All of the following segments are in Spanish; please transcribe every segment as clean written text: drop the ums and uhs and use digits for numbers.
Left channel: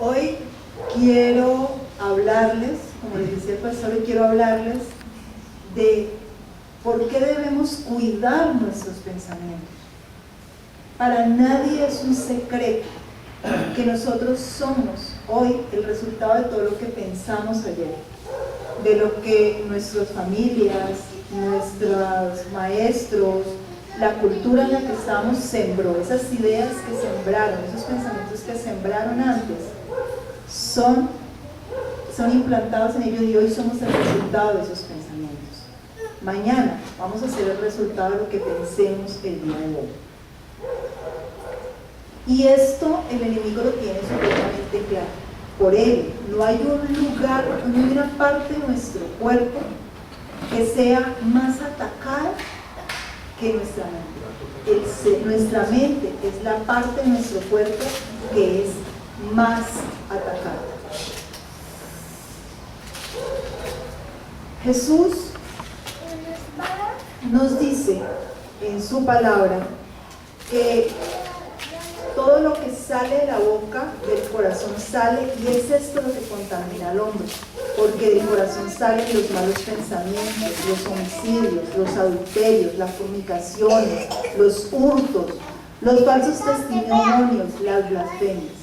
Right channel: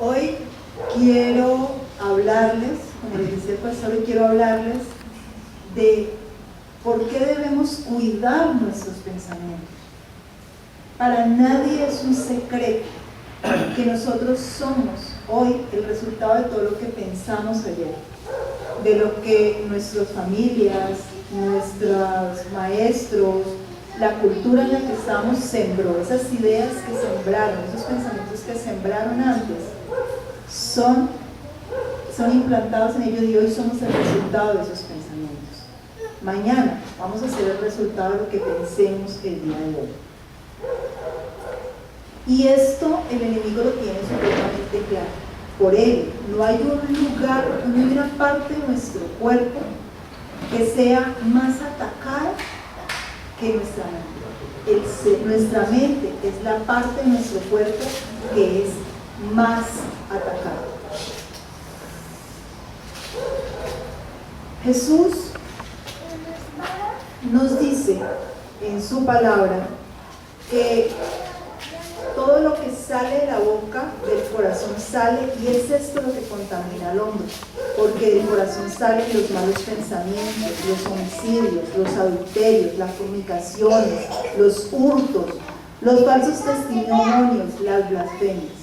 Hoy quiero hablarles, como les decía el pastor, hoy quiero hablarles de por qué debemos cuidar nuestros pensamientos. Para nadie es un secreto que nosotros somos hoy el resultado de todo lo que pensamos ayer, de lo que nuestras familias, nuestros maestros, la cultura en la que estamos sembró, esas ideas que sembraron, esos pensamientos que sembraron antes, son implantados en ellos y hoy somos el resultado de esos pensamientos. Mañana vamos a ser el resultado de lo que pensemos el día de hoy. Y esto el enemigo lo tiene supremamente claro. Por ello, no hay un lugar, no hay una parte de nuestro cuerpo que sea más atacada que nuestra mente. Nuestra mente es la parte de nuestro cuerpo que es más atacada. Jesús nos dice en su palabra que todo lo que sale de la boca, del corazón sale, y es esto lo que contamina al hombre, porque del corazón salen los malos pensamientos, los homicidios, los adulterios, las fornicaciones, los hurtos, los falsos testimonios, las blasfemias.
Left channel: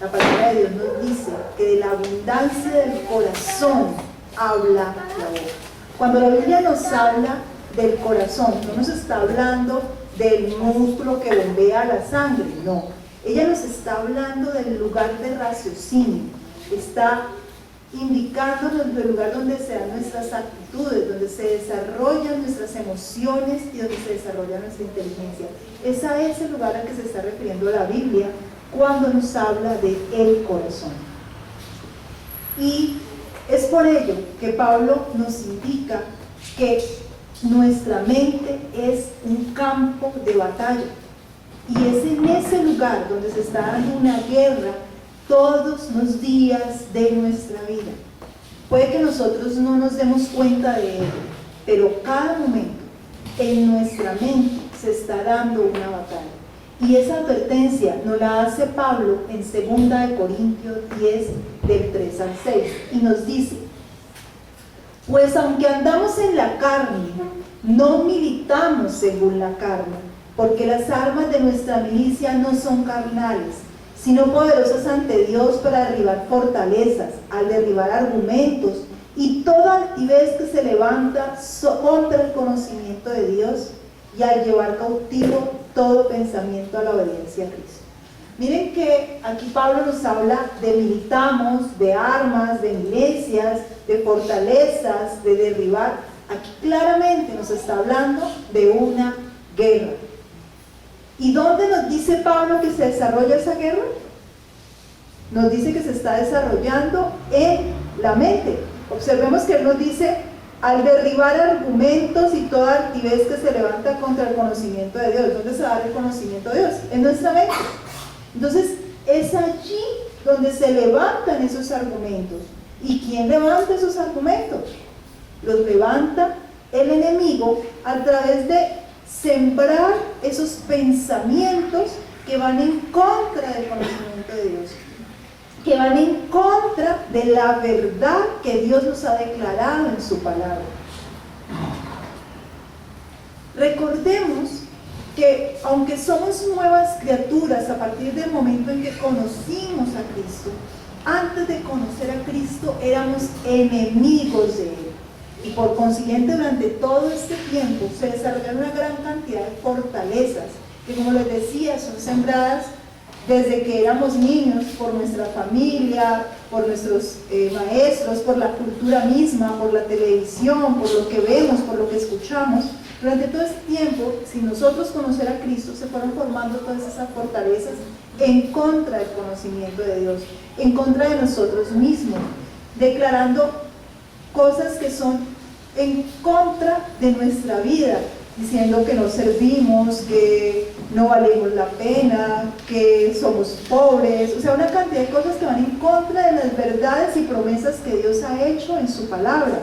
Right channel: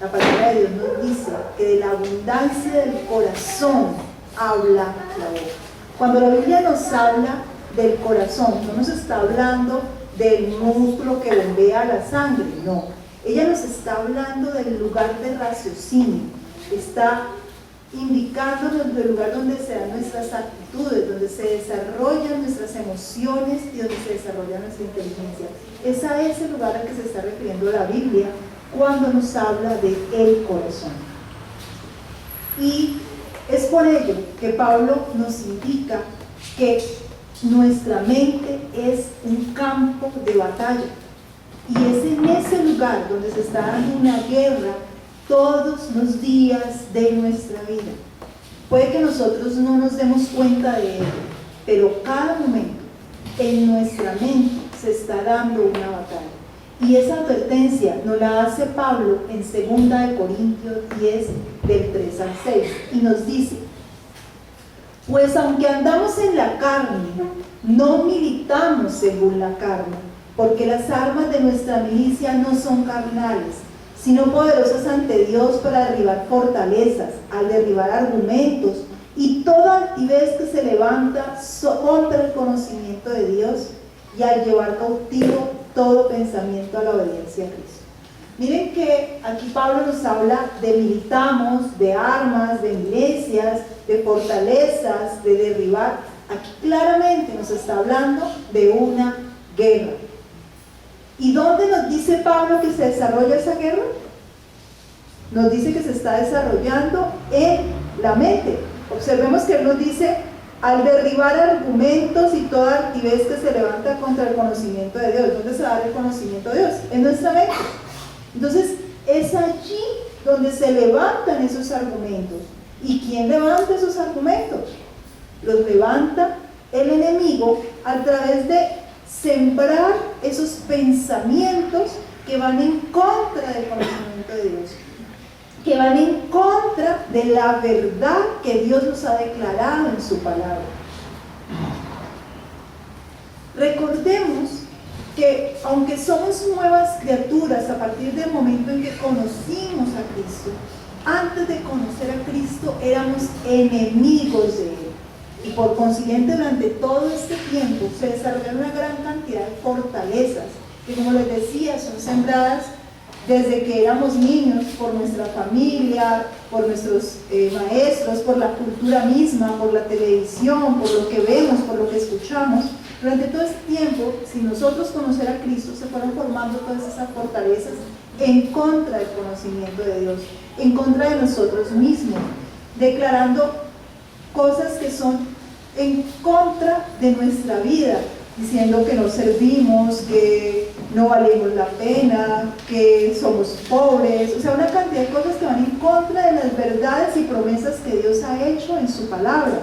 La palabra de Dios nos dice que de la abundancia del corazón habla la boca. Cuando la Biblia nos habla del corazón, no nos está hablando del músculo que bombea la sangre, no. Ella nos está hablando del lugar de raciocinio, está indicándonos el lugar donde se dan nuestras actitudes, donde se desarrollan nuestras emociones y donde se desarrolla nuestra inteligencia. Es a ese lugar al que se está refiriendo la Biblia cuando nos habla de el corazón. Y es por ello que Pablo nos indica que nuestra mente es un campo de batalla, y es en ese lugar donde se está dando una guerra todos los días de nuestra vida. Puede que nosotros no nos demos cuenta de ello, pero cada momento en nuestra mente se está dando una batalla. Y esa advertencia nos la hace Pablo en 2 de Corintios 10, del 3 al 6, y nos dice: pues aunque andamos en la carne, no militamos según la carne, porque las armas de nuestra milicia no son carnales, sino poderosas ante Dios para derribar fortalezas, al derribar argumentos y toda altivez que se levanta contra el conocimiento de Dios, y al llevar cautivo todo pensamiento a la obediencia a Cristo. Miren que aquí Pablo nos habla de militamos, de armas, de milicias, de fortalezas, de derribar. Aquí claramente nos está hablando de una guerra. ¿Y dónde nos dice Pablo que se desarrolla esa guerra? Nos dice que se está desarrollando en la mente. Observemos que él nos dice: al derribar argumentos y toda altivez que se levanta contra el conocimiento de Dios. ¿Dónde se da el conocimiento de Dios? En nuestra mente. Entonces, es allí donde se levantan esos argumentos. ¿Y quién levanta esos argumentos? Los levanta el enemigo a través de sembrar esos pensamientos que van en contra del conocimiento de Dios, que van en contra de la verdad que Dios nos ha declarado en su palabra. Recordemos que aunque somos nuevas criaturas a partir del momento en que conocimos a Cristo, antes de conocer a Cristo éramos enemigos de Él. Y por consiguiente, durante todo este tiempo se desarrollaron una gran cantidad de fortalezas que, como les decía, son sembradas desde que éramos niños por nuestra familia, por nuestros maestros, por la cultura misma, por la televisión, por lo que vemos, por lo que escuchamos. Durante todo este tiempo, sin nosotros conocer a Cristo, se fueron formando todas esas fortalezas en contra del conocimiento de Dios, en contra de nosotros mismos, declarando cosas que son en contra de nuestra vida, diciendo que no servimos, que no valemos la pena, que somos pobres, o sea, una cantidad de cosas que van en contra de las verdades y promesas que Dios ha hecho en su palabra,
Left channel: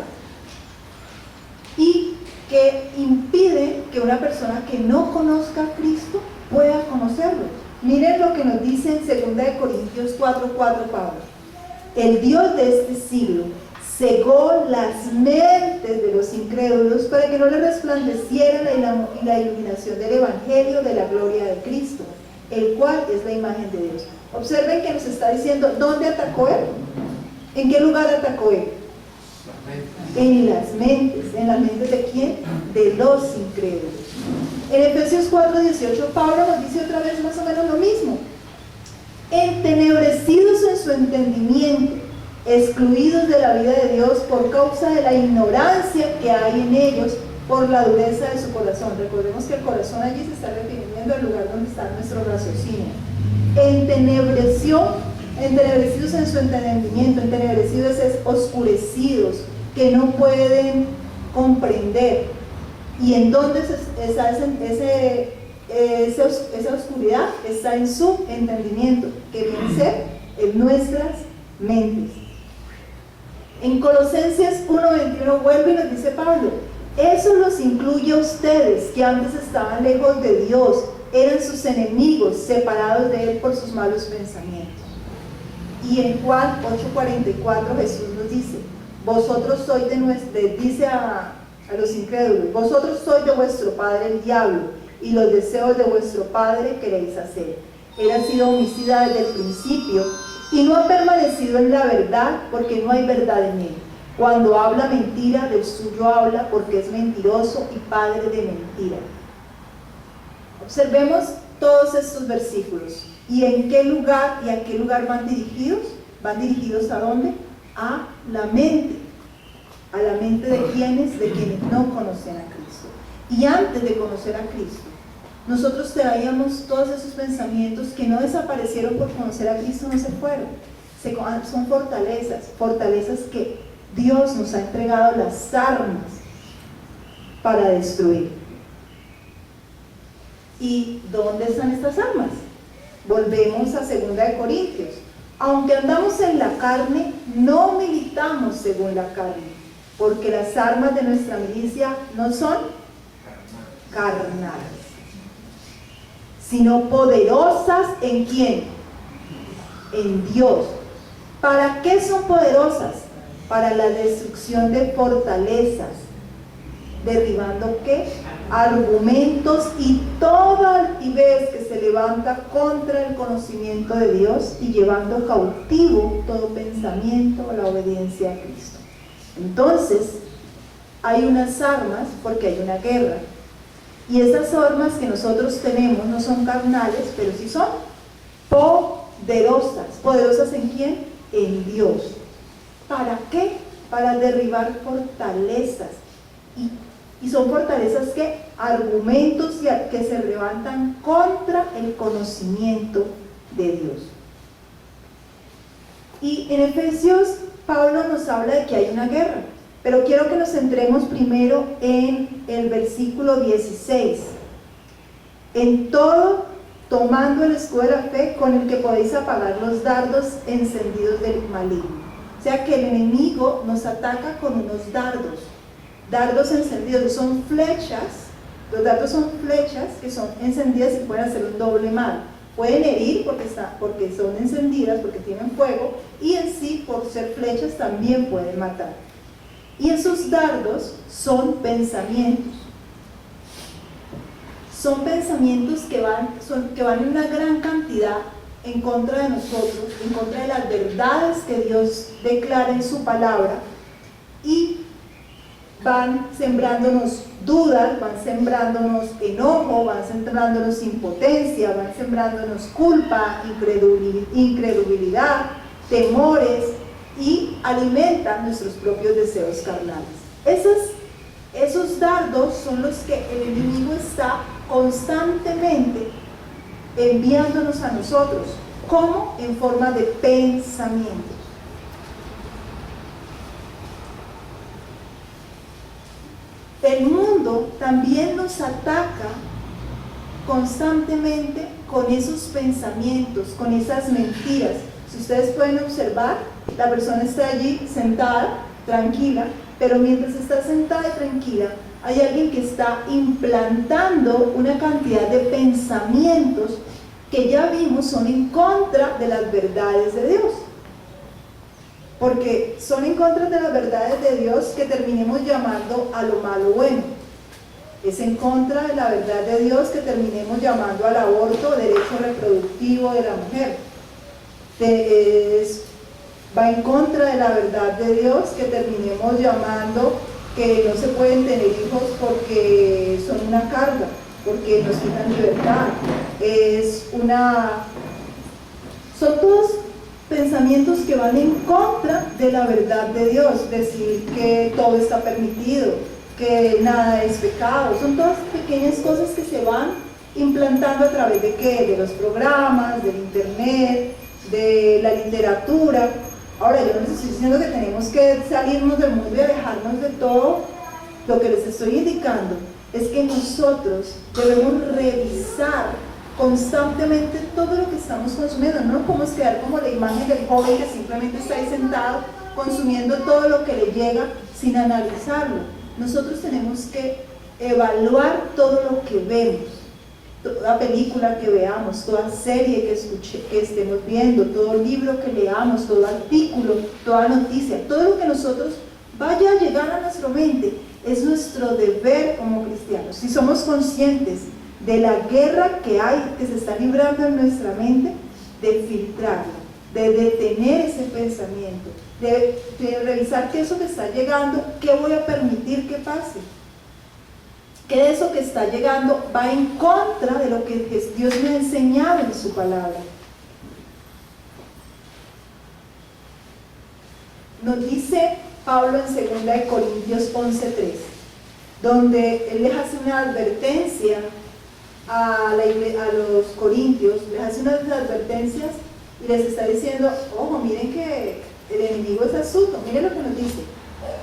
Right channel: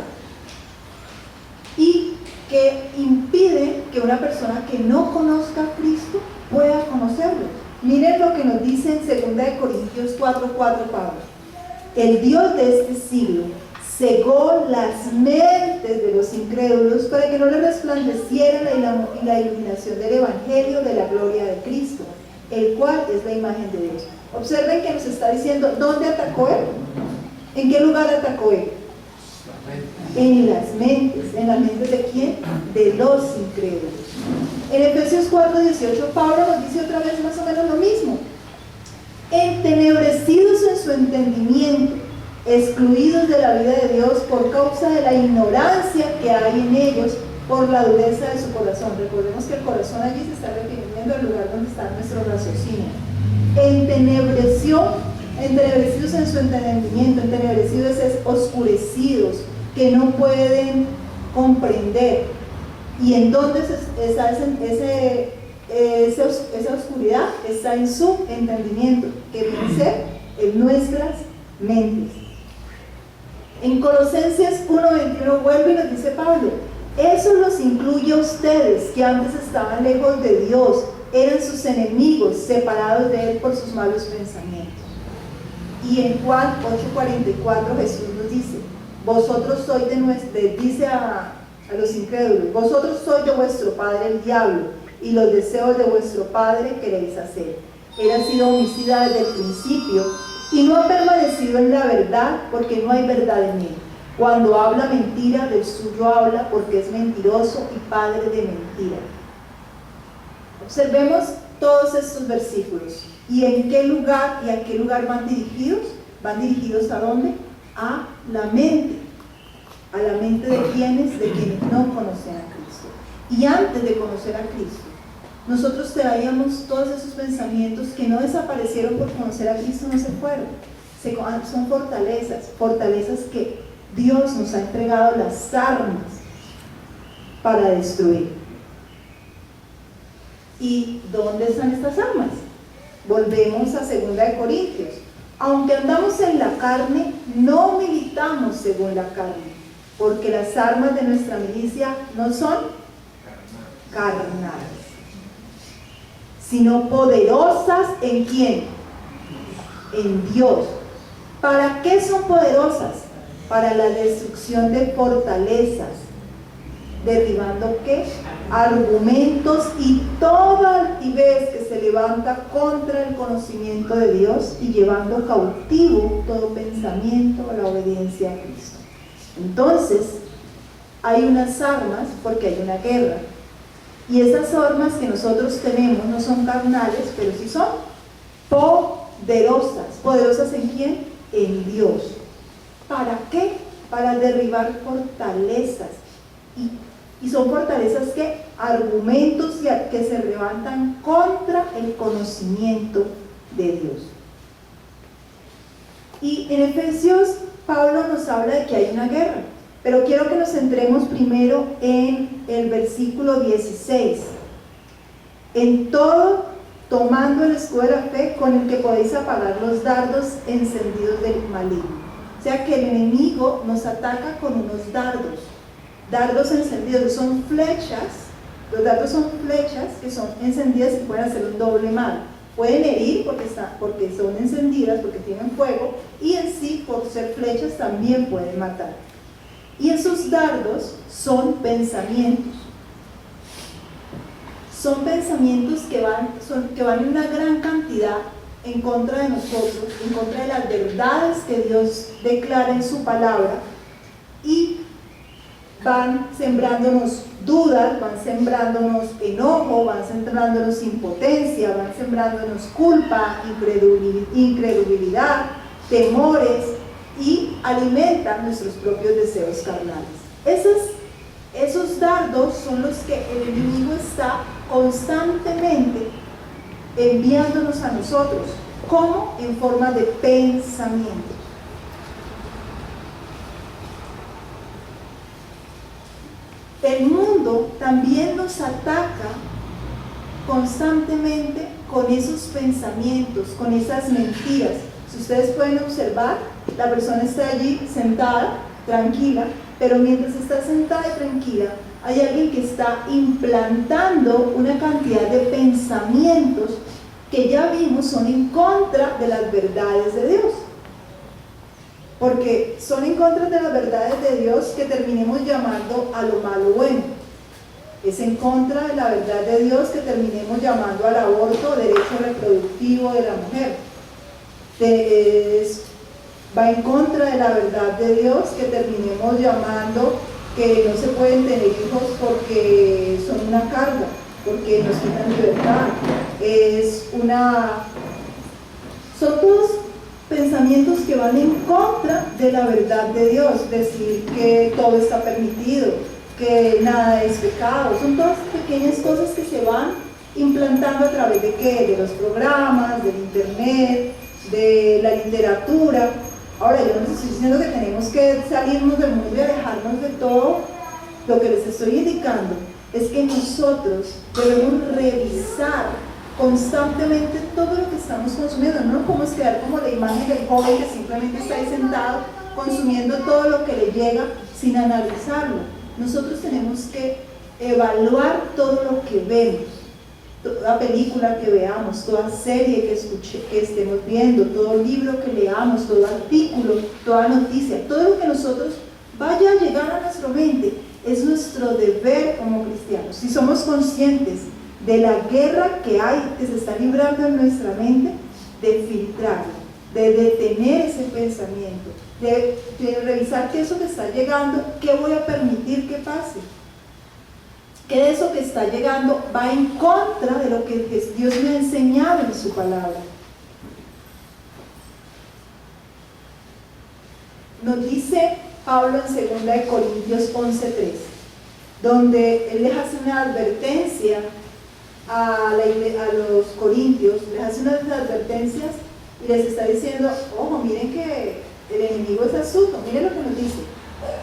y que impide que una persona que no conozca a Cristo pueda conocerlo. Miren lo que nos dice en 2 Corintios 4:4 Pablo. El Dios de este siglo cegó las mentes de los incrédulos para que no les resplandeciera la iluminación del Evangelio de la gloria de Cristo, el cual es la imagen de Dios. Observen que nos está diciendo, ¿dónde atacó él? ¿En qué lugar atacó él? En las mentes ¿de quién? De los incrédulos. En Efesios 4:18 Pablo nos dice otra vez más o menos lo mismo. Entenebrecidos en su entendimiento, excluidos de la vida de Dios por causa de la ignorancia que hay en ellos por la dureza de su corazón. Recordemos que el corazón allí se está refiriendo al lugar donde está nuestro raciocinio. Entenebrecidos en su entendimiento. Entenebrecidos es oscurecidos, que no pueden comprender. ¿Y en dónde está esa oscuridad? Está en su entendimiento, que viene a ser en nuestras mentes. En Colosenses 1:21 vuelve y nos dice Pablo, eso los incluye a ustedes que antes estaban lejos de Dios, eran sus enemigos, separados de Él por sus malos pensamientos. Y en Juan 8:44 Jesús nos dice, vosotros sois dice a los incrédulos, vosotros sois de vuestro padre el diablo, y los deseos de vuestro padre queréis hacer. Él ha sido homicida desde el principio, y no ha permanecido en la verdad, porque no hay verdad en él. Cuando habla mentira, del suyo habla, porque es mentiroso y padre de mentira. Observemos todos estos versículos. ¿Y en qué lugar y a qué lugar van dirigidos? ¿Van dirigidos a dónde? A la mente. ¿A la mente de quienes? De quienes no conocen a Cristo. Y antes de conocer a Cristo, nosotros traíamos todos esos pensamientos que no desaparecieron por conocer a Cristo, no se fueron. Son fortalezas que Dios nos ha entregado las armas para destruir. ¿Y dónde están estas armas? Volvemos a 2 Corintios. Aunque andamos en la carne, no militamos según la carne, porque las armas de nuestra milicia no son carnales, sino poderosas ¿en quién? En Dios. ¿Para qué son poderosas? Para la destrucción de fortalezas, derribando ¿qué? Argumentos y toda altivez que se levanta contra el conocimiento de Dios y llevando cautivo todo pensamiento a la obediencia a Cristo. Entonces, hay unas armas porque hay una guerra. Y esas armas que nosotros tenemos no son carnales, pero sí son poderosas. ¿Poderosas en quién? En Dios. ¿Para qué? Para derribar fortalezas. Y son fortalezas que argumentos que se levantan contra el conocimiento de Dios. Y en Efesios, Pablo nos habla de que hay una guerra. Pero quiero que nos centremos primero en el versículo 16. En todo, tomando el escudo de la fe, con el que podéis apagar los dardos encendidos del maligno. O sea que el enemigo nos ataca con unos dardos encendidos, son flechas. Los dardos son flechas que son encendidas y pueden hacer un doble mal. Pueden herir porque son encendidas, porque tienen fuego, y en sí, por ser flechas, también pueden matar. Y esos dardos son pensamientos. Son pensamientos que van en una gran cantidad en contra de nosotros, en contra de las verdades que Dios declara en su palabra, y van sembrándonos dudas, van sembrándonos enojo, van sembrándonos impotencia, van sembrándonos culpa, incredulidad, temores, y alimentan nuestros propios deseos carnales. Esos dardos son los que el enemigo está constantemente enviándonos a nosotros, como en forma de pensamientos. El mundo también nos ataca constantemente con esos pensamientos, con esas mentiras. Si ustedes pueden observar, la persona está allí sentada, tranquila, pero mientras está sentada y tranquila, hay alguien que está implantando una cantidad de pensamientos que ya vimos son en contra de las verdades de Dios. Porque son en contra de las verdades de Dios que terminemos llamando a lo malo bueno. Es en contra de la verdad de Dios que terminemos llamando al aborto derecho reproductivo de la mujer. Va en contra de la verdad de Dios que terminemos llamando que no se pueden tener hijos porque son una carga, porque nos quitan libertad. Son todos pensamientos que van en contra de la verdad de Dios. Decir que todo está permitido, que nada es pecado, son todas pequeñas cosas que se van implantando a través de ¿qué? De los programas, del internet, de la literatura. Ahora, yo no les estoy diciendo que tenemos que salirnos del mundo y alejarnos de todo. Lo que les estoy indicando es que nosotros debemos revisar constantemente todo lo que estamos consumiendo. No nos podemos quedar como la imagen del joven que simplemente está ahí sentado consumiendo todo lo que le llega sin analizarlo. Nosotros tenemos que evaluar todo lo que vemos, toda película que veamos, toda serie que estemos viendo, todo libro que leamos, todo artículo, toda noticia, todo lo que nosotros vaya a llegar a nuestra mente. Es nuestro deber como cristianos, si somos conscientes de la guerra que se está librando en nuestra mente, de filtrarla, de detener ese pensamiento, de revisar qué es eso que está llegando, qué voy a permitir que pase, qué de eso que está llegando va en contra de lo que Dios me ha enseñado en su palabra. Nos dice Pablo en 2 Corintios 11:3, donde él les hace una advertencia a los corintios, les hace unas advertencias y les está diciendo: ojo, miren que el enemigo es astuto. Miren lo que nos dice:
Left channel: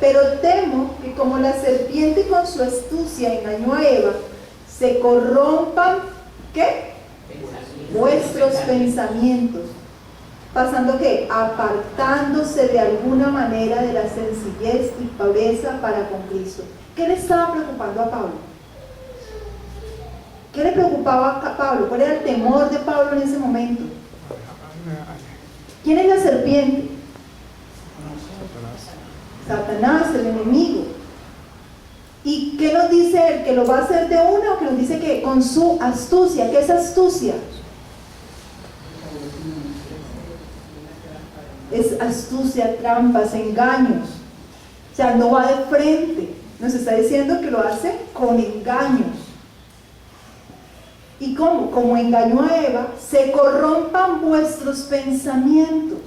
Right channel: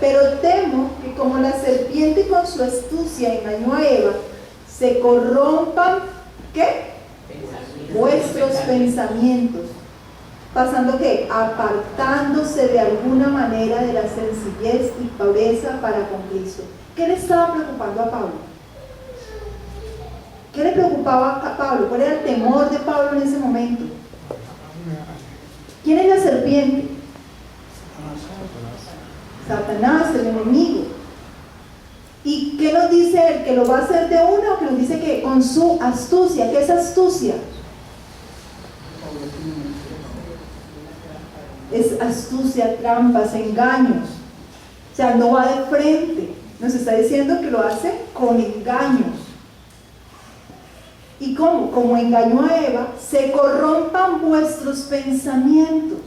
pero temo que como la serpiente con su astucia engañó a Eva, se corrompan ¿qué? Vuestros pensamientos, pasando ¿qué? Apartándose de alguna manera de la sencillez y pureza para con Cristo. ¿Qué le estaba preocupando a Pablo? ¿Qué le preocupaba a Pablo? ¿Cuál era el temor de Pablo en ese momento? ¿Quién es la serpiente? Satanás, el enemigo. ¿Y qué nos dice él? ¿Que lo va a hacer de una o que nos dice que con su astucia? ¿Qué es astucia? Es astucia, trampas, engaños. O sea, no va de frente. Nos está diciendo que lo hace con engaños. ¿Y cómo? Como engañó a Eva, se corrompan vuestros pensamientos.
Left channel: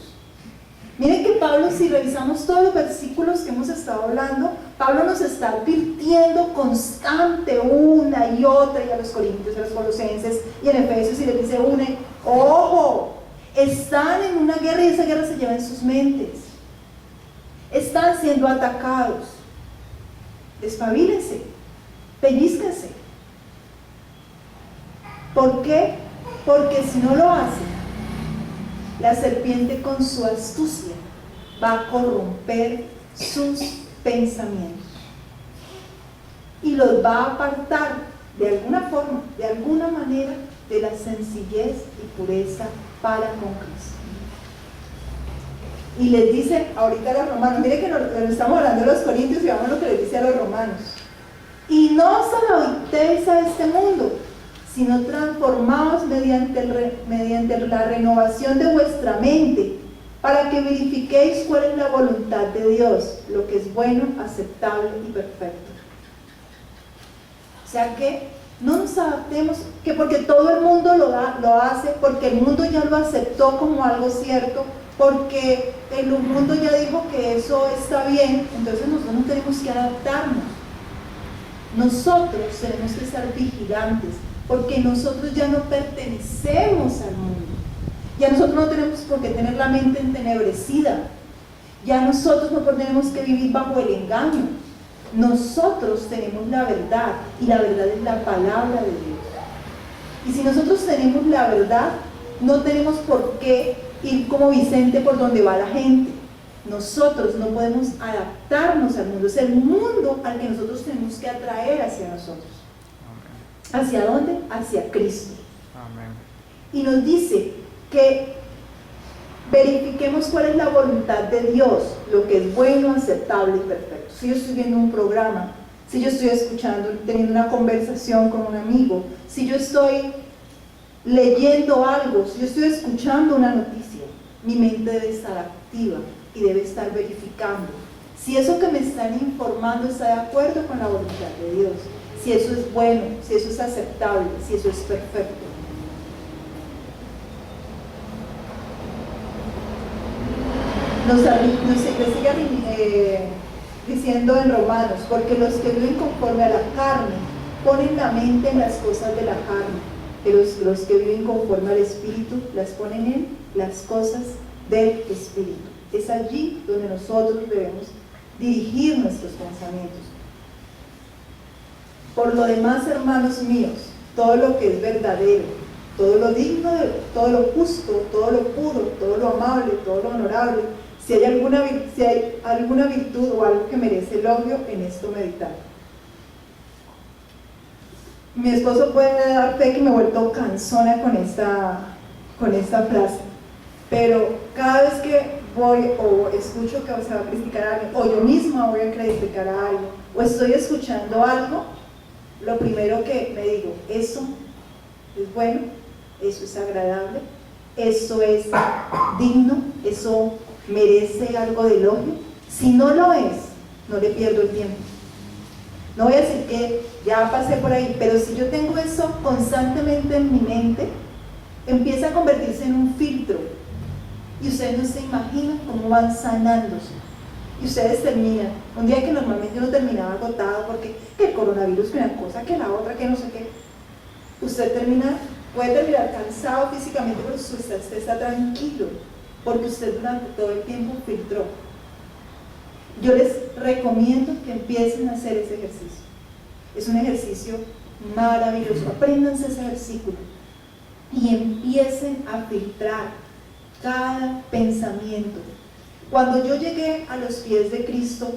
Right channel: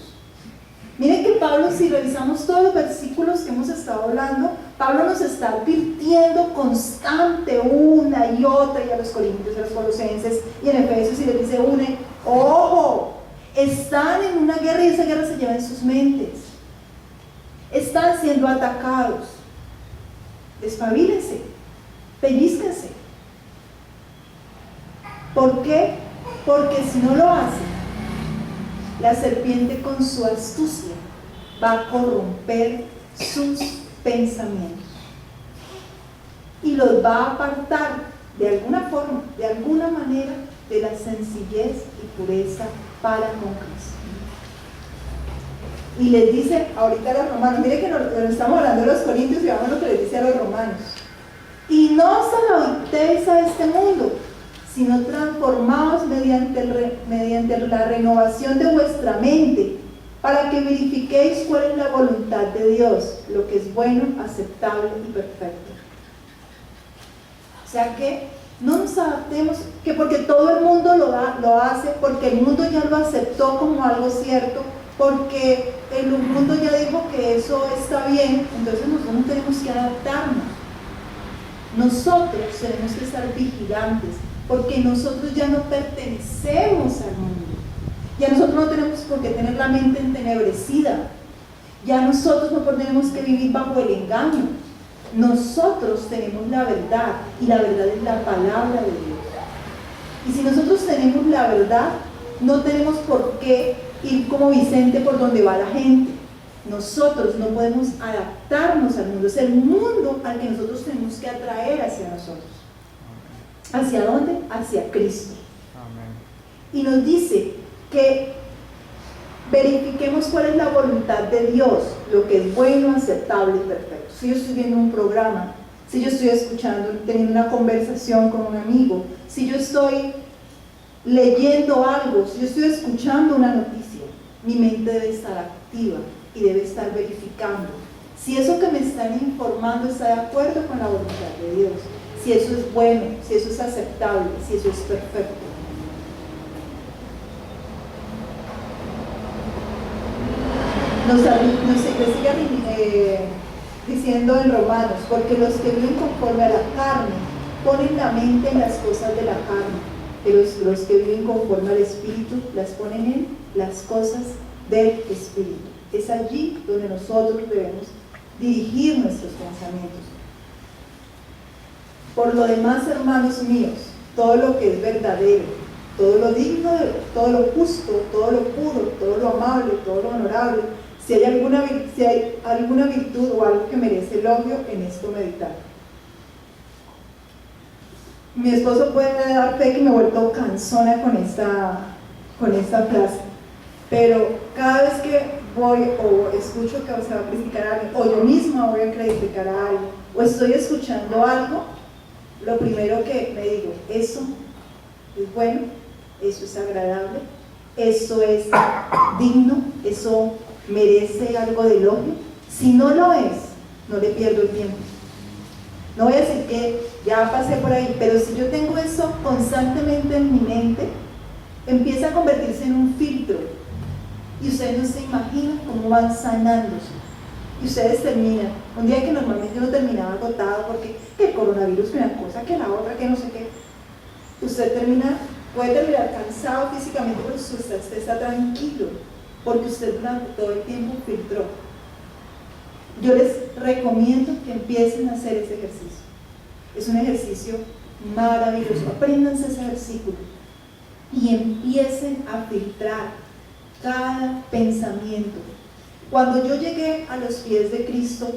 Miren que Pablo, si revisamos todos los versículos que hemos estado hablando, Pablo nos está advirtiendo constante una y otra, y a los corintios, a los colosenses, y en Efesios, y les dice ojo, están en una guerra y esa guerra se lleva en sus mentes. Están siendo atacados. Despabilense, pellízquense. ¿Por qué? Porque si no lo hacen, la serpiente con su astucia va a corromper sus pensamientos y los va a apartar de alguna forma, de alguna manera, de la sencillez y pureza para con Cristo. Y les dice ahorita a los romanos, mire que nos estamos hablando de los corintios y vamos a lo que les dice a los romanos: y no os adaptéis a este mundo, sino transformaos mediante la renovación de vuestra mente, para que verifiquéis cuál es la voluntad de Dios, lo que es bueno, aceptable y perfecto. O sea que no nos adaptemos, que porque todo el mundo lo hace, porque el mundo ya lo aceptó como algo cierto, porque el mundo ya dijo que eso está bien, entonces nosotros no tenemos que adaptarnos. Nosotros tenemos que estar vigilantes, porque nosotros ya no pertenecemos al mundo. Ya nosotros no tenemos por qué tener la mente entenebrecida. Ya nosotros no tenemos que vivir bajo el engaño. Nosotros tenemos la verdad, y la verdad es la palabra de Dios. Y si nosotros tenemos la verdad, no tenemos por qué ir como Vicente por donde va la gente. Nosotros no podemos adaptarnos al mundo. Es el mundo al que nosotros tenemos que atraer hacia nosotros. ¿Hacia dónde? Hacia Cristo. Amén. y nos dice que verifiquemos cuál es la voluntad de Dios, lo que es bueno, aceptable y perfecto. Si yo estoy viendo un programa, si yo estoy escuchando, teniendo una conversación con un amigo, si yo estoy leyendo algo, si yo estoy escuchando una noticia, mi mente debe estar activa y debe estar verificando si eso que me están informando está de acuerdo con la voluntad de Dios, si eso es bueno, si eso es aceptable, si eso es perfecto. Nos sigue diciendo en Romanos, porque los que viven conforme a la carne ponen la mente en las cosas de la carne, pero los que viven conforme al Espíritu las ponen en las cosas del Espíritu. Es allí donde nosotros debemos dirigir nuestros pensamientos. Por lo demás, hermanos míos, todo lo que es verdadero, todo lo digno, todo lo justo, todo lo puro, todo lo amable, todo lo honorable, si hay alguna virtud o algo que merece elogio, en esto meditar. Mi esposo puede dar fe que me he vuelto cansona con esta frase, pero cada vez que voy o escucho que se va a criticar a alguien, o yo misma voy a criticar a alguien, o estoy escuchando algo, lo primero que me digo, eso es bueno, eso es agradable, eso es digno, eso merece algo de elogio. Si no lo es, no le pierdo el tiempo. No voy a decir que ya pasé por ahí, pero si yo tengo eso constantemente en mi mente, empieza a convertirse en un filtro y ustedes no se imaginan cómo van sanándose. Y ustedes terminan, un día que normalmente uno terminaba agotado porque que el coronavirus, que una cosa, que la otra, que no sé qué, usted puede terminar cansado físicamente, pero usted está tranquilo, porque usted durante todo el tiempo filtró. Yo les recomiendo que empiecen a hacer ese ejercicio. Es un ejercicio maravilloso. Apréndanse ese versículo y empiecen a filtrar cada pensamiento. Cuando yo llegué a los pies de Cristo,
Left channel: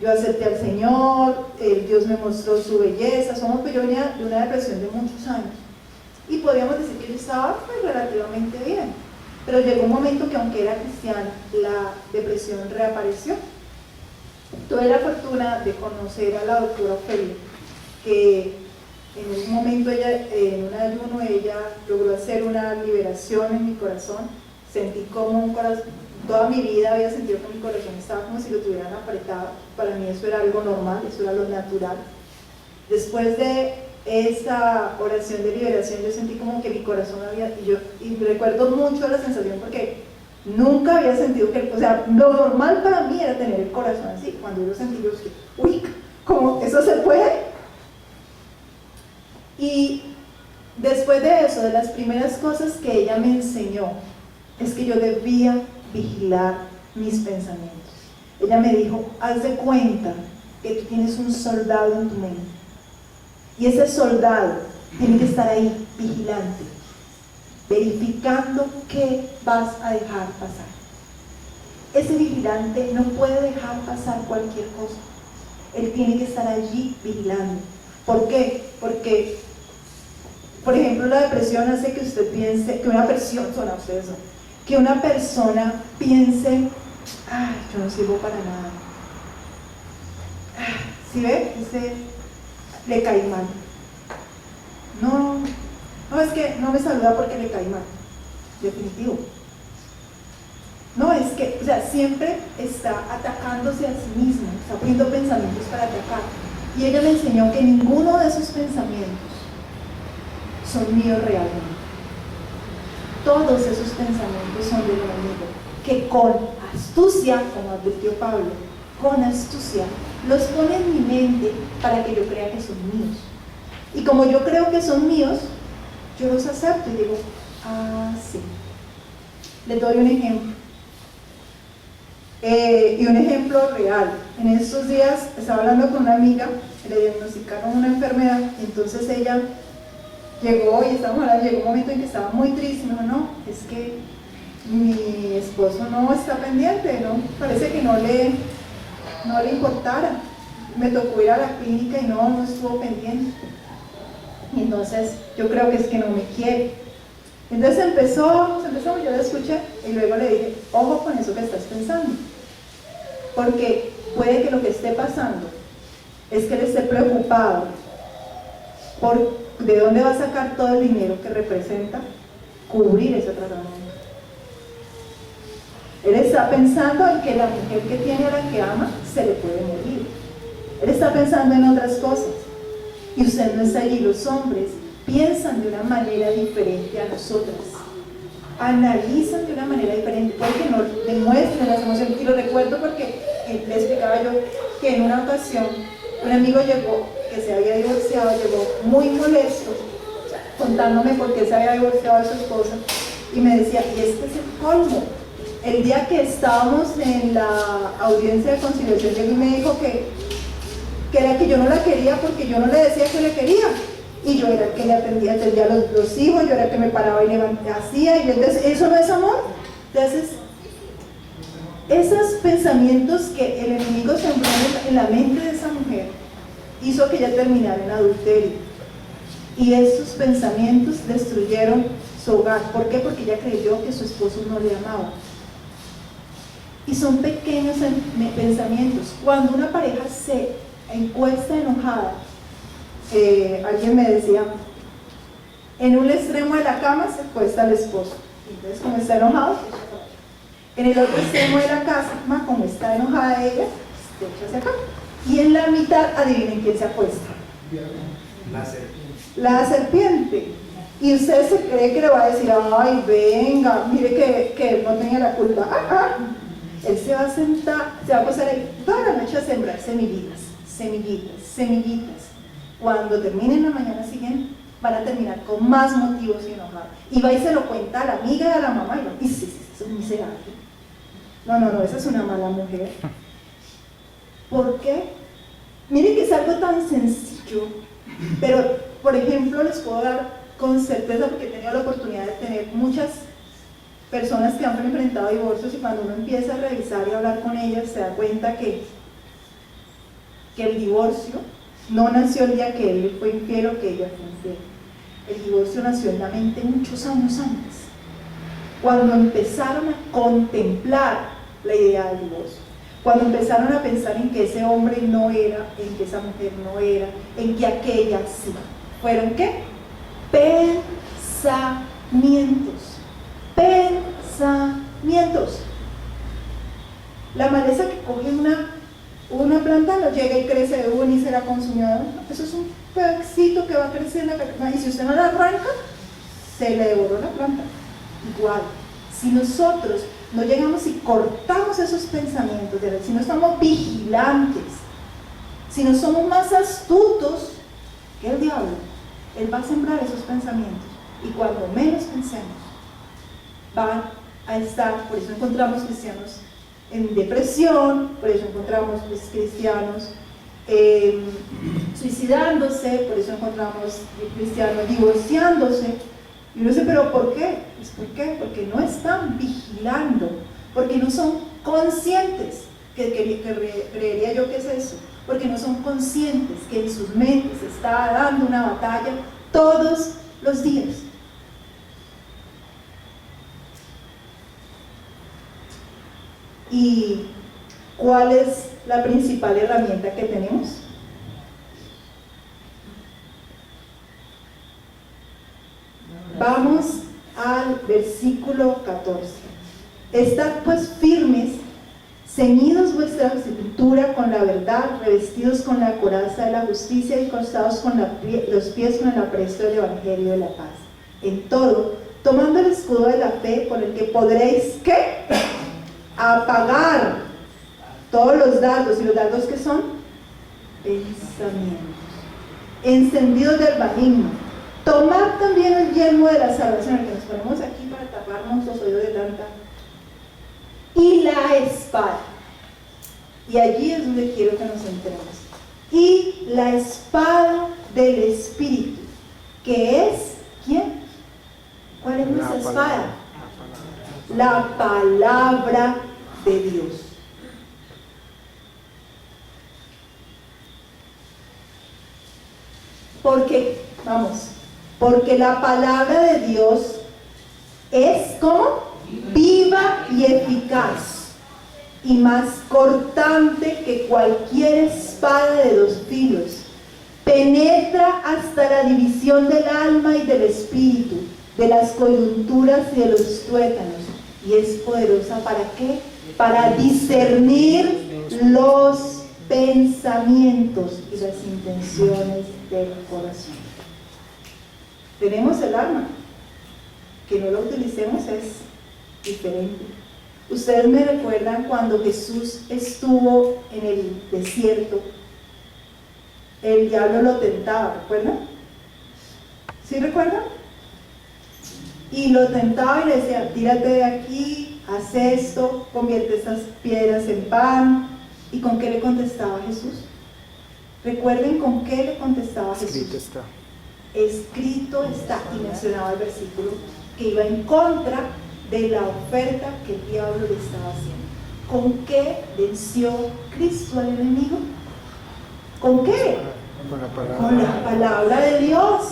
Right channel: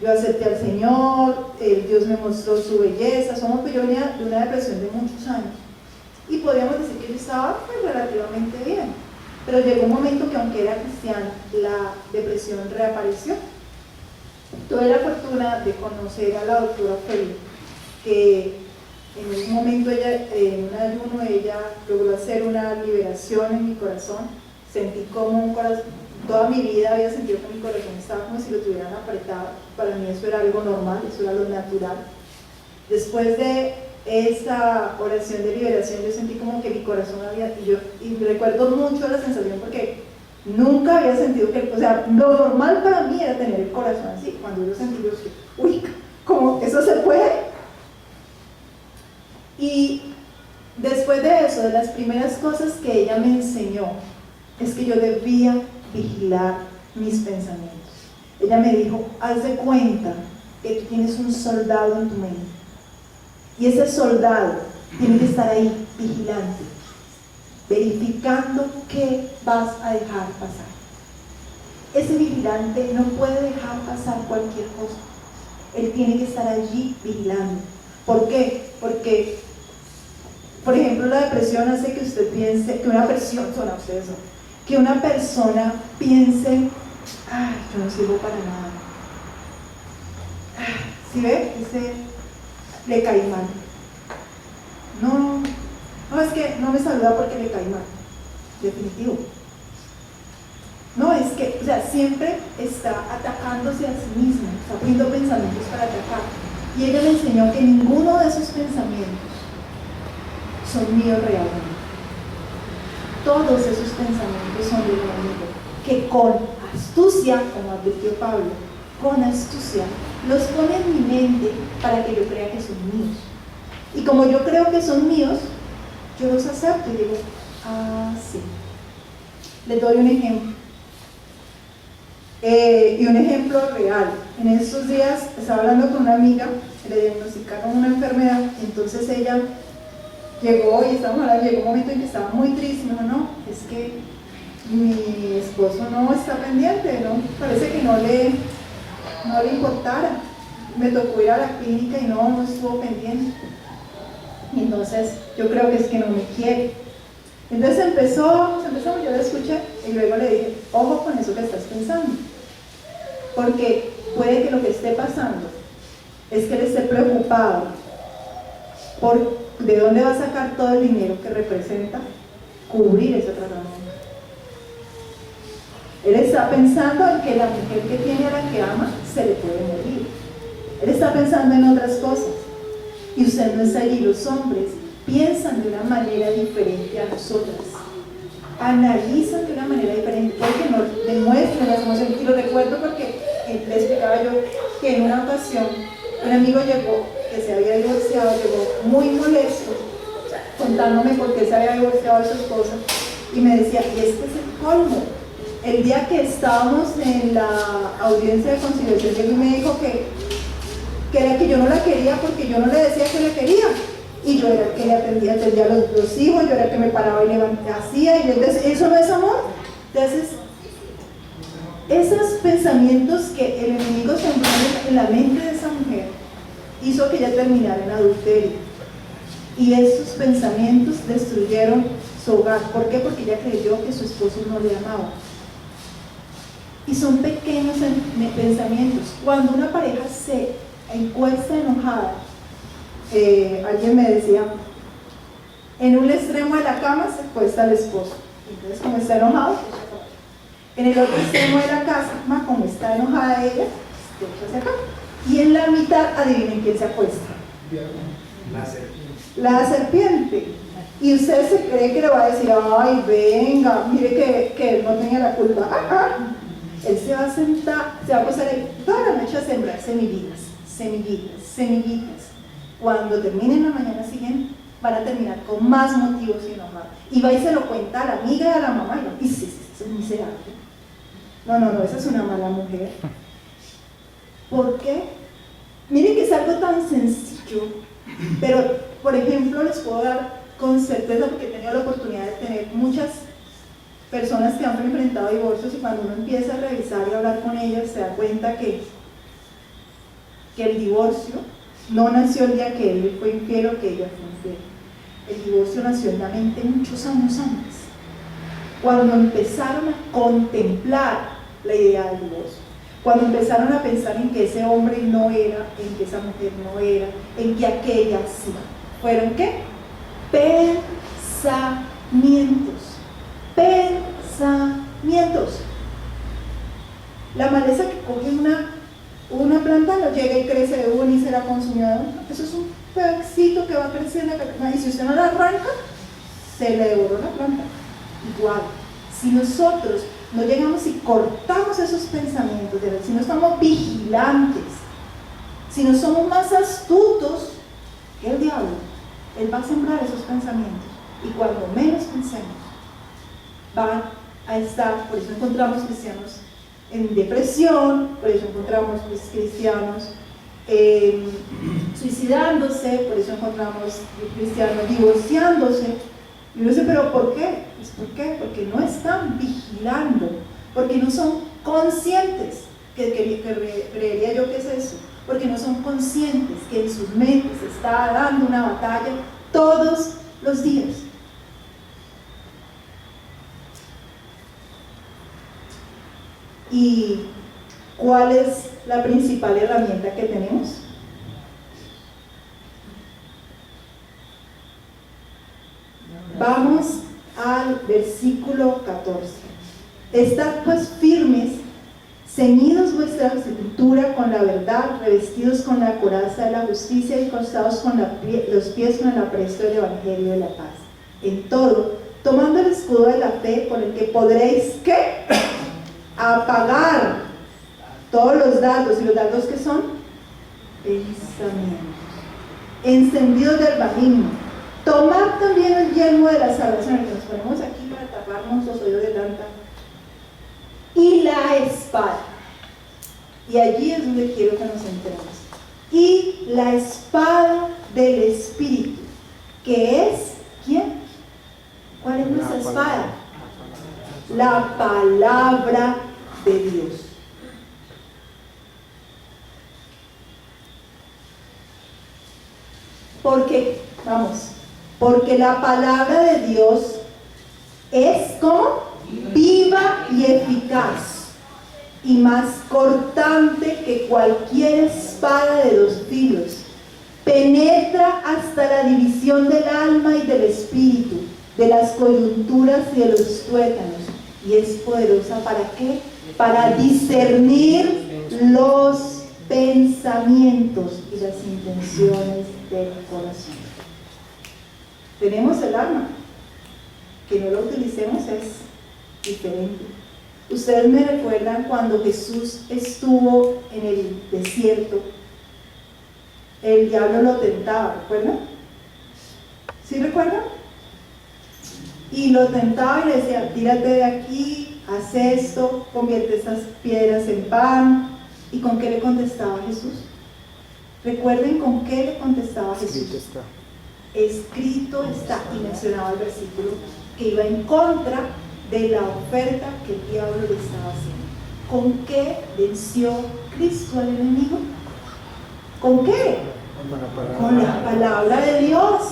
yo acepté al Señor, Dios me mostró su belleza. Yo venía de una depresión de muchos años y podríamos decir que yo estaba relativamente bien, pero llegó un momento que aunque era cristiana, la depresión reapareció. Tuve la fortuna de conocer a la doctora Ofelia, que en un momento en un ayuno ella logró hacer una liberación en mi corazón. Sentí como un corazón, toda mi vida había sentido que mi corazón estaba como si lo tuvieran apretado. Para mí eso era algo normal, eso era lo natural. Después de esa oración de liberación yo sentí como que mi corazón y recuerdo mucho la sensación porque nunca había sentido que, o sea, lo normal para mí era tener el corazón así. Cuando yo sentí, yo dije, uy, ¿cómo eso se puede? Y después de eso, de las primeras cosas que ella me enseñó, es que yo debía vigilar mis pensamientos. Ella me dijo, haz de cuenta que tú tienes un soldado en tu mente, y ese soldado tiene que estar ahí, vigilante, verificando qué vas a dejar pasar. Ese vigilante no puede dejar pasar cualquier cosa. Él tiene que estar allí vigilando. ¿Por qué? Porque, por ejemplo, la depresión hace que usted piense, que una persona piense, ay, yo no sirvo para nada. ¿Sí ve? Le cae mal. No, es que no me saluda porque le cae mal. Definitivo. No, es que, o sea, siempre está atacándose a sí mismo, está poniendo pensamientos para atacar. Y ella me enseñó que ninguno de esos pensamientos son míos realmente. Todos esos pensamientos son del enemigo, que con astucia, como advirtió Pablo, con astucia los pone en mi mente para que yo crea que son míos. Y como yo creo que son míos, yo los acepto y digo, sí. Les doy un ejemplo. Y un ejemplo real. En estos días estaba hablando con una amiga, le diagnosticaron una enfermedad, y entonces ella llegó llegó un momento en que estaba muy triste. Me dijo, no, es que mi esposo no está pendiente, ¿no? Parece que no le importara. Me tocó ir a la clínica y no estuvo pendiente. Y entonces yo creo que es que no me quiere. Entonces empezamos, yo la escuché y luego le dije, ojo con eso que estás pensando, porque puede que lo que esté pasando es que él esté preocupado por de dónde va a sacar todo el dinero que representa cubrir ese tratamiento. Él está pensando en que la mujer que tiene a la que ama se le puede morir. Él está pensando en otras cosas. Y usted no está allí. Los hombres piensan de una manera diferente a nosotras. Analizan de una manera diferente. Puede que no demuestren las emociones. Y lo recuerdo porque le explicaba yo que en una ocasión un amigo llegó, que se había divorciado, llegó muy molesto, contándome por qué se había divorciado de su esposa. Y me decía, y este es el colmo. El día que estábamos en la audiencia de conciliación, él me dijo que era que yo no la quería porque yo no le decía que le quería. Y yo era el que le atendía a los hijos, yo era el que me paraba y le hacía. Y entonces, ¿eso no es amor? Entonces, esos pensamientos que el enemigo sembró en la mente de esa mujer hizo que ella terminara en adulterio. Y esos pensamientos destruyeron su hogar. ¿Por qué? Porque ella creyó que su esposo no le amaba. Y son pequeños pensamientos. Cuando una pareja se encuesta enojada, alguien me decía, en un extremo de la cama se acuesta el esposo. Entonces, como está enojado, en el otro extremo de la cama, como está enojada ella, se echa hacia acá. Y en la mitad, adivinen quién se acuesta. La serpiente. Y usted se cree que le va a decir, ay, venga, mire que él no tenía la culpa. Él se va a sentar, se va a pasar ahí toda la noche a sembrar semillitas, semillitas, semillitas. Cuando terminen la mañana siguiente, van a terminar con más motivos y enojar. Y va y se lo cuenta a la amiga y a la mamá, y dice, eso es miserable. No, esa es una mala mujer. ¿Por qué? Miren que es algo tan sencillo, pero, por ejemplo, les puedo dar con certeza, porque he tenido la oportunidad de tener muchas personas que han enfrentado divorcios, y cuando uno empieza a revisar y a hablar con ellas se da cuenta que el divorcio no nació el día que él fue infiel o que ella fue infiel. El divorcio nació en la mente muchos años antes, cuando empezaron a contemplar la idea del divorcio, cuando empezaron a pensar en que ese hombre no era, en que esa mujer no era, en que aquella sí. ¿Fueron qué? Pensamientos. Pensamientos. La maleza que coge una planta, no llega y crece de una y será consumida. Eso es un pedacito que va creciendo, y si usted no la arranca, se le devoró la planta. Igual, si nosotros no llegamos y cortamos esos pensamientos, si no estamos vigilantes, si no somos más astutos que el diablo, él va a sembrar esos pensamientos, y cuando menos pensemos, van a estar. Por eso encontramos cristianos en depresión, por eso encontramos cristianos suicidándose, por eso encontramos cristianos divorciándose. Y uno dice, ¿pero por qué? Pues ¿por qué? Porque no están vigilando, porque no son conscientes, creería yo que es eso, porque no son conscientes que en sus mentes se está dando una batalla todos los días. ¿Y cuál es la principal herramienta que tenemos? Vamos al versículo 14. Estad pues firmes, ceñidos vuestra cintura con la verdad, revestidos con la coraza de la justicia y calzados con los pies con el apresto del evangelio de la paz. En todo, tomando el escudo de la fe, con el que podréis, ¿qué? Apagar todos los dardos. ¿Y los dardos qué son? Pensamientos encendidos del maligno. Tomar también el yelmo de la salvación, el que nos ponemos aquí para taparnos los oídos de tanta, y la espada. Y allí es donde quiero que nos centremos. Y la espada del Espíritu, que es, ¿quién? ¿Cuál es nuestra espada? La palabra de Dios. Porque Vamos. Porque la palabra de Dios es como viva y eficaz y más cortante que cualquier espada de 2 filos. Penetra hasta la división del alma y del espíritu, de las coyunturas y de los tuétanos. Y es poderosa ¿para qué? Para discernir los pensamientos y las intenciones del corazón. Tenemos el arma. Que no lo utilicemos es diferente. Ustedes me recuerdan cuando Jesús estuvo en el desierto, el diablo lo tentaba, ¿recuerdan? ¿Sí recuerdan? Y lo tentaba y le decía, tírate de aquí, haz esto, convierte estas piedras en pan. ¿Y con qué le contestaba Jesús? Recuerden con qué le contestaba Jesús. Escrito está. Escrito está, y mencionaba el versículo que iba en contra de la oferta que el diablo le estaba haciendo. ¿Con qué venció Cristo al enemigo? ¿Con qué? Con la palabra de Dios,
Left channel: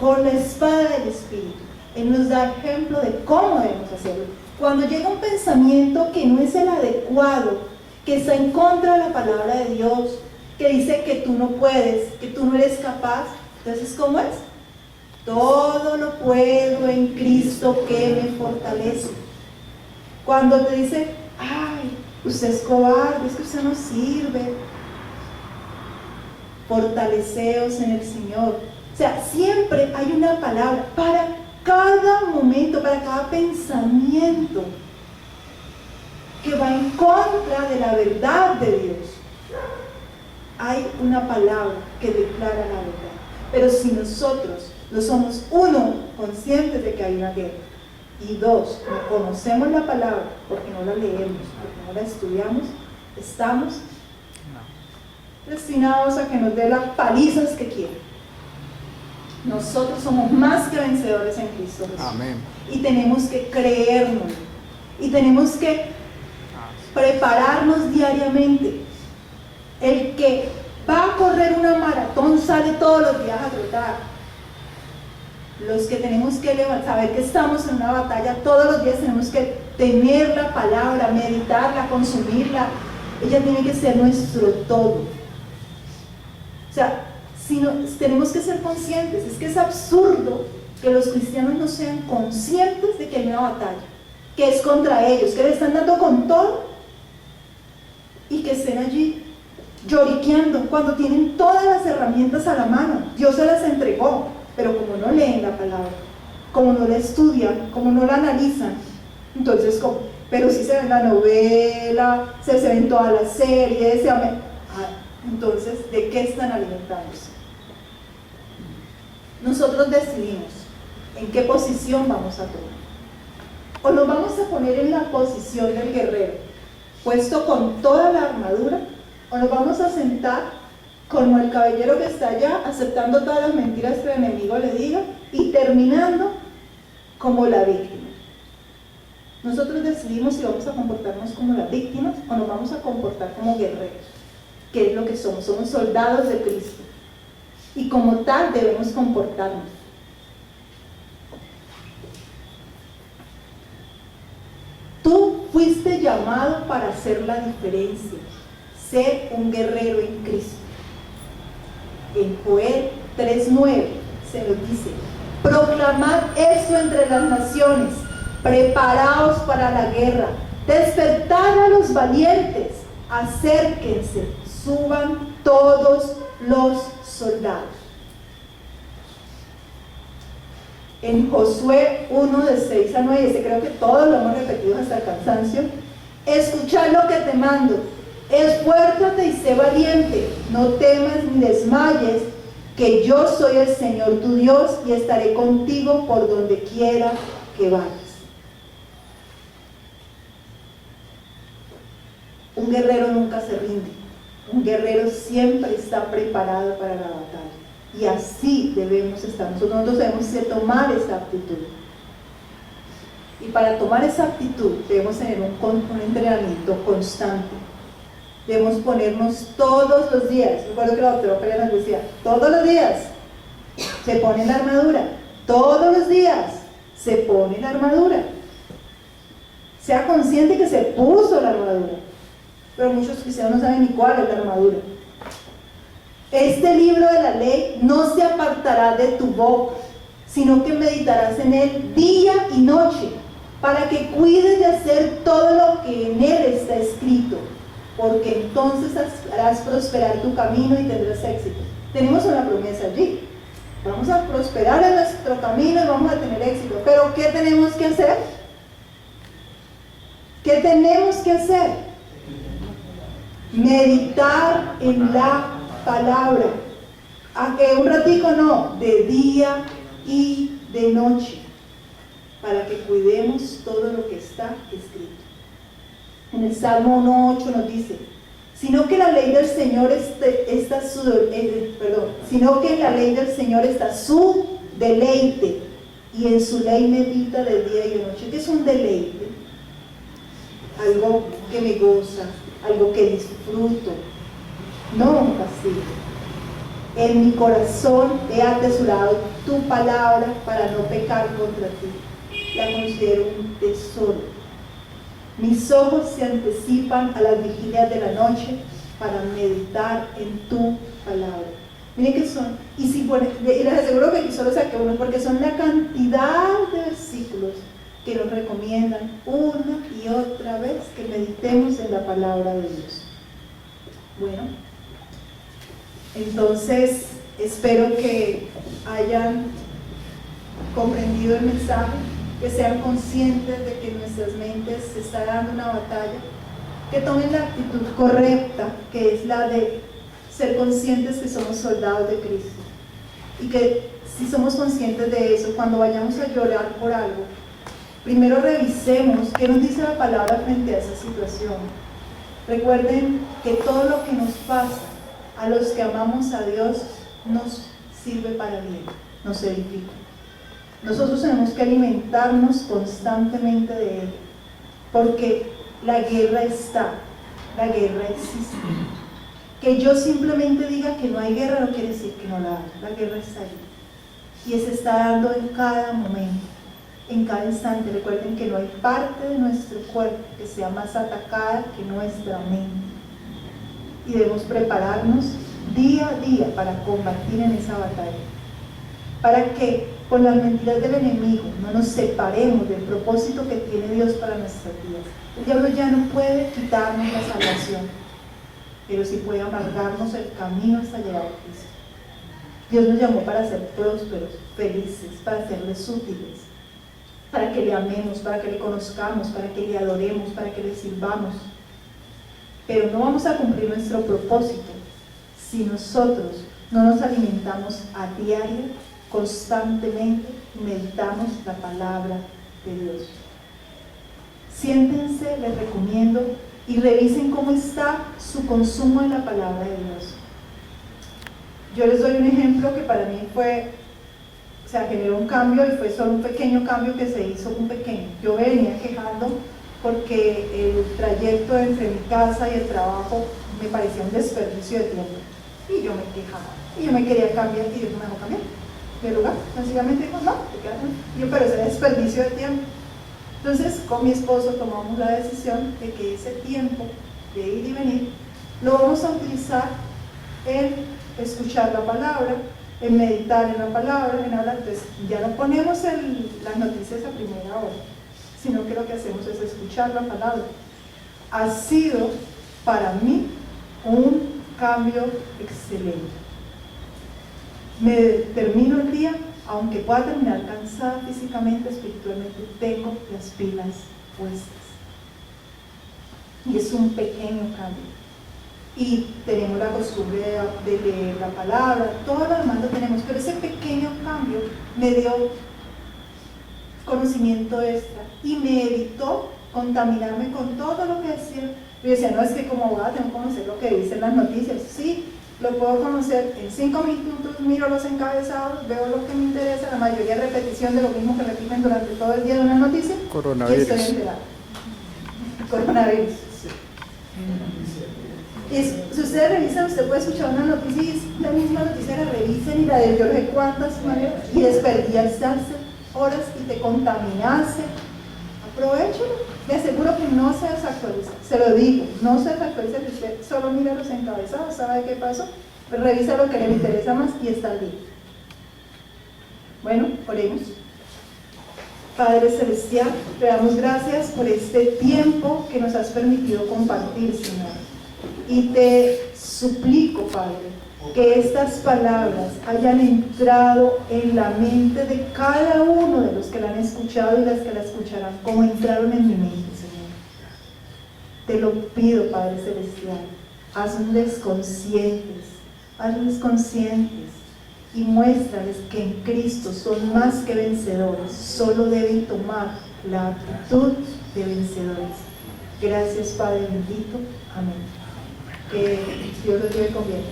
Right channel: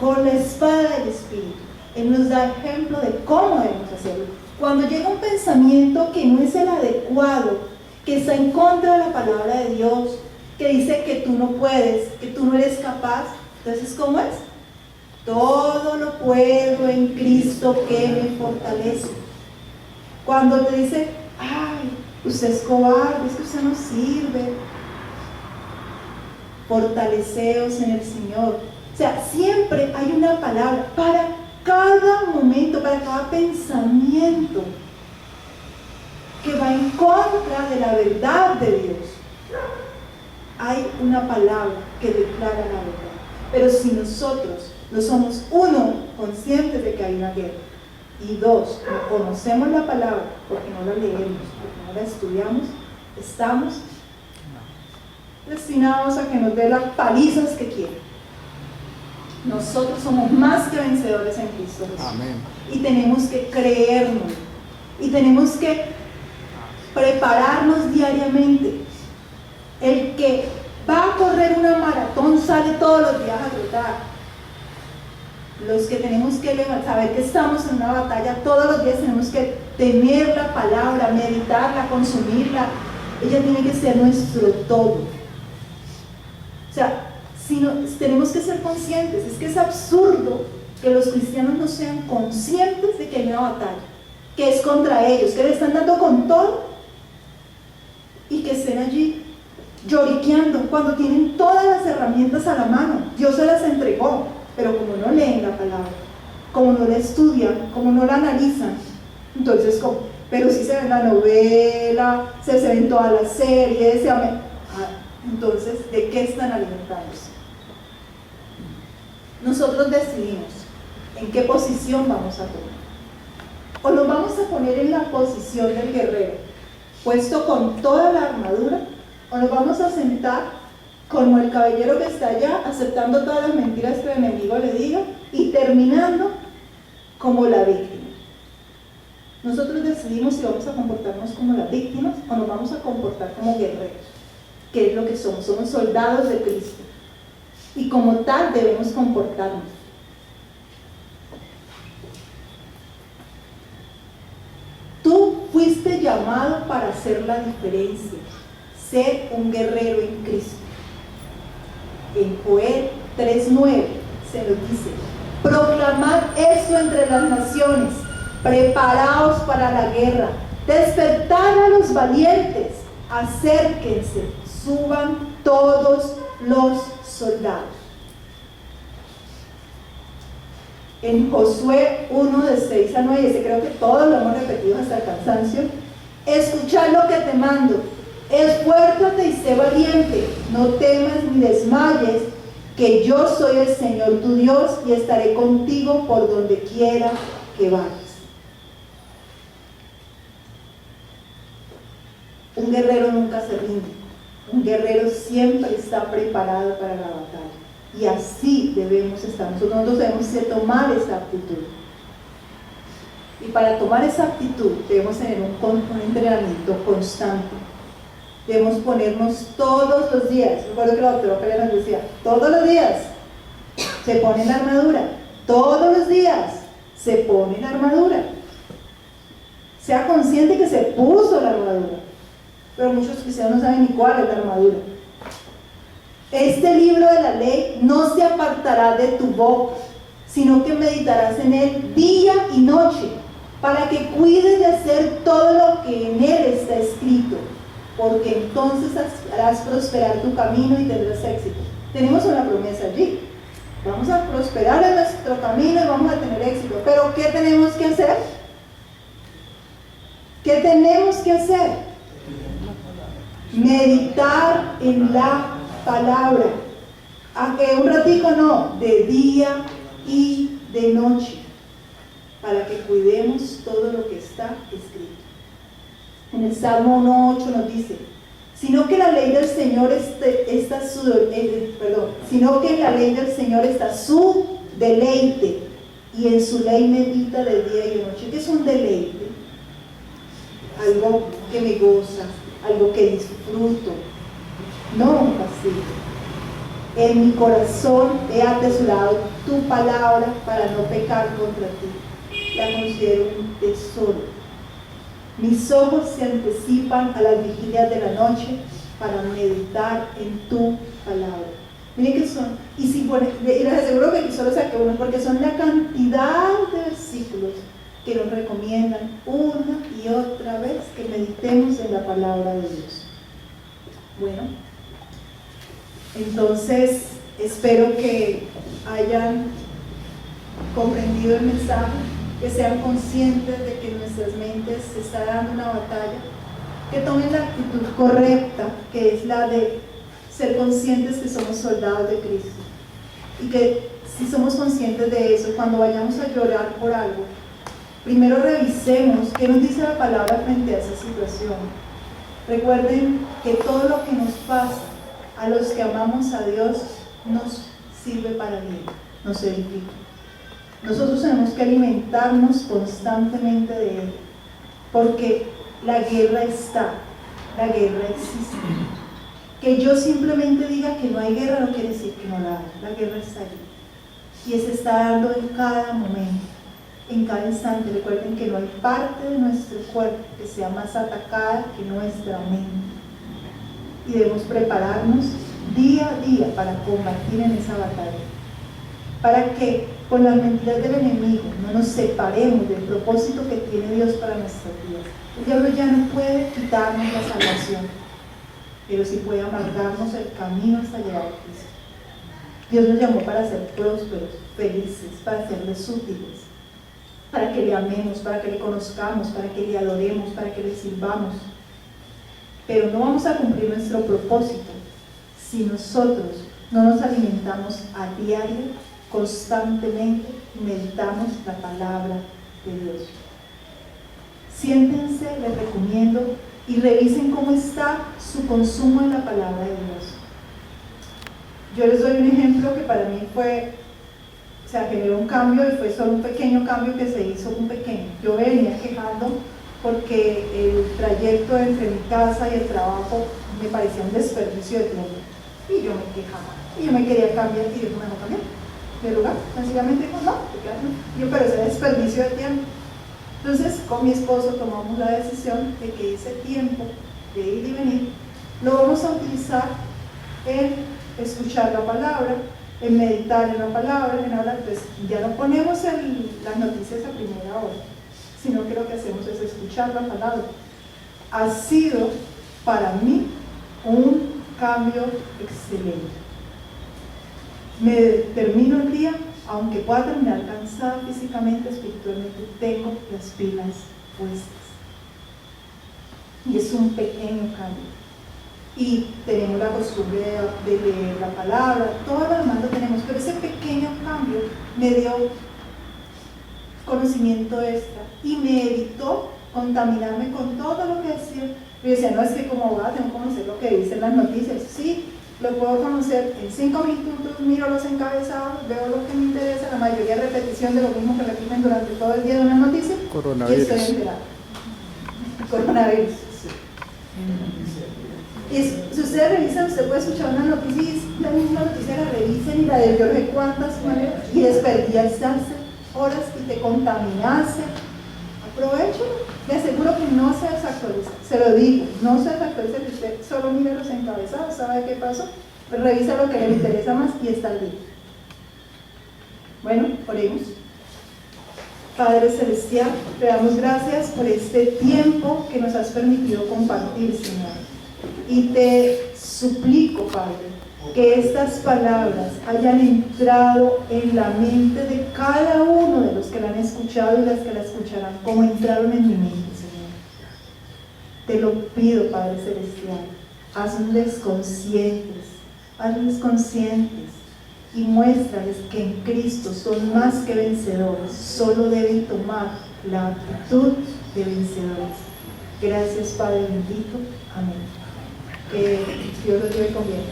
con la espada del Espíritu. Él nos da ejemplo de cómo debemos hacerlo. Cuando llega un pensamiento que no es el adecuado, que está en contra de la palabra de Dios, que dice que tú no puedes, que tú no eres capaz, entonces ¿cómo es? Todo lo puedo en Cristo que me fortalece. Cuando te dice, ay, usted es cobarde, es que usted no sirve, fortaleceos en el Señor. O sea, siempre hay una palabra para cada momento, para cada pensamiento que va en contra de la verdad de Dios. Hay una palabra que declara la verdad. Pero si nosotros no somos, uno, conscientes de que hay una guerra, y dos, no conocemos la palabra porque no la leemos, porque no la estudiamos, estamos destinados a que nos dé las palizas que quieren. Nosotros somos más que vencedores en Cristo Jesús. Amén. Y tenemos que creernos. Y tenemos que prepararnos diariamente. El que va a correr una maratón sale todos los días a trotar. Los que tenemos que saber que estamos en una batalla, todos los días tenemos que tener la palabra, meditarla, consumirla. Ella tiene que ser nuestro todo. O sea, tenemos que ser conscientes. Es que es absurdo que los cristianos no sean conscientes de que hay una batalla, que es contra ellos, que le están dando con todo y que estén allí lloriqueando cuando tienen todas las herramientas a la mano. Dios se las entregó, pero como no leen la palabra, como no la estudian, como no la analizan, entonces, pero si se ven la novela, se ven todas las series, entonces, ¿de qué están alimentándose? Nosotros decidimos en qué posición vamos a tomar. O nos vamos a poner en la posición del guerrero, puesto con toda la armadura, o nos vamos a sentar como el caballero que está allá, aceptando todas las mentiras que el enemigo le diga y terminando como la víctima. Nosotros decidimos si vamos a comportarnos como las víctimas o nos vamos a comportar como guerreros, que es lo que somos soldados de Cristo. Y como tal debemos comportarnos. Tú fuiste llamado para hacer la diferencia, ser un guerrero en Cristo. En Joel 3:9 se nos dice: proclamad esto entre las naciones, preparaos para la guerra, despertad a los valientes, acérquense, suban todos los soldados. En Josué 1 de 6 a 9, creo que todos lo hemos repetido hasta el cansancio: escuchad lo que te mando, esfuérzate y sé valiente, no temas ni desmayes, que yo soy el Señor tu Dios y estaré contigo por donde quiera que vayas. Un guerrero nunca se rinde, un guerrero siempre está preparado para la batalla. Y así debemos estar. Nosotros debemos tomar esa actitud. Y para tomar esa actitud debemos tener un entrenamiento constante. Debemos ponernos todos los días. Recuerdo que la doctora Pérez nos decía, todos los días, Se pone la armadura. Todos los días se pone la armadura. Sea consciente que se puso la armadura. Pero muchos cristianos no saben ni cuál es la armadura. Este libro de la ley no se apartará de tu boca, sino que meditarás en él día y noche, para que cuides de hacer todo lo que en él está escrito, porque entonces harás prosperar tu camino y tendrás éxito. Tenemos una promesa allí. Vamos a prosperar en nuestro camino y vamos a tener éxito. Pero ¿qué tenemos que hacer? ¿Qué tenemos que hacer? Meditar en la palabra. Aunque un ratico no, de día y de noche, para que cuidemos todo lo que está escrito. En el Salmo 1:8 nos dice: sino que en la ley del Señor sino que en la ley del Señor está su deleite, y en su ley medita de día y de noche. ¿Qué es un deleite? Algo que me goza, algo que disfruto, no un castigo. En mi corazón he atesorado tu palabra para no pecar contra ti. La considero un tesoro. Mis ojos se anticipan a las vigilias de la noche para meditar en tu palabra. Miren que son, y si bueno, les aseguro que aquí solo saqué uno, porque son la cantidad de versículos que nos recomiendan una y otra vez que meditemos en la palabra de Dios. Bueno, entonces espero que hayan comprendido el mensaje, que sean conscientes de que en nuestras mentes se está dando una batalla, que tomen la actitud correcta, que es la de ser conscientes que somos soldados de Cristo, y que si somos conscientes de eso, cuando vayamos a llorar por algo, primero revisemos qué nos dice la palabra frente a esa situación. Recuerden que todo lo que nos pasa a los que amamos a Dios nos sirve para bien, nos edifica. Nosotros tenemos que alimentarnos constantemente de Él, porque la guerra está, la guerra existe. Que yo simplemente diga que no hay guerra no quiere decir que no la hay, la guerra está allí y se está dando en cada momento, en cada instante. Recuerden que no hay parte de nuestro cuerpo que sea más atacada que nuestra mente, y debemos prepararnos día a día para combatir en esa batalla, para que con las mentiras del enemigo no nos separemos del propósito que tiene Dios para nuestras vidas. El diablo ya no puede quitarnos la salvación, pero sí puede amargarnos el camino hasta llegar a Cristo. Dios nos llamó para ser prósperos, felices, para serles útiles, para que le amemos, para que le conozcamos, para que le adoremos, para que le sirvamos. Pero no vamos a cumplir nuestro propósito si nosotros no nos alimentamos a diario, constantemente, y meditamos la palabra de Dios. Siéntense, les recomiendo, y revisen cómo está su consumo de la palabra de Dios. Yo les doy un ejemplo que para mí generó un cambio, y fue solo un pequeño cambio que se hizo, un pequeño. Yo venía quejando porque el trayecto entre mi casa y el trabajo me parecía un desperdicio de tiempo, y yo me quejaba, y yo me quería cambiar, y yo me dejó cambiar de lugar. Sencillamente dijo, no, te quedas. Yo, pero ese desperdicio de tiempo. Entonces con mi esposo tomamos la decisión de que ese tiempo de ir y venir lo vamos a utilizar en escuchar la palabra, en meditar en la palabra, en hablar. Entonces ya no ponemos las noticias a primera hora, sino que lo que hacemos es escuchar la palabra. Ha sido para mí un cambio excelente. Me termino el día, aunque pueda terminar cansada físicamente, espiritualmente, tengo las pilas puestas. Y es un pequeño cambio. Y tenemos la costumbre de leer la palabra, todo lo demás lo tenemos, pero ese pequeño cambio me dio conocimiento extra y me evitó contaminarme con todo lo que decía. Yo decía, no, es que como abogada tengo que conocer lo que dicen las noticias. Sí, lo puedo conocer en 5 minutos, miro los encabezados, veo lo que me interesa, la mayoría repetición de lo mismo que repiten durante todo el día de una noticia. Coronavirus. Y estoy enterada. Coronavirus, sí. Y si ustedes revisan, usted puede escuchar una noticia y es la misma noticia, la revisen y la de yo no sé cuántas maneras, y desperdiciarse horas y te contaminaste. Aprovechalo. Le aseguro que no se desactualiza, se lo digo, no se desactualiza, que usted solo mira los encabezados, sabe qué pasó, pero revisa lo que le interesa más y está al día. Bueno, oremos. Padre Celestial, te damos gracias por este tiempo que nos has permitido compartir, Señor. Y te suplico, Padre, que estas palabras hayan entrado en la mente de cada uno de los que la han escuchado y las que la escucharán, como entraron en mi mente, Señor. Te lo pido, Padre Celestial, hazles conscientes y muéstrales que en Cristo son más que vencedores, solo deben tomar la actitud de vencedores. Gracias, Padre bendito. Amén. Que Dios los lleve con bien.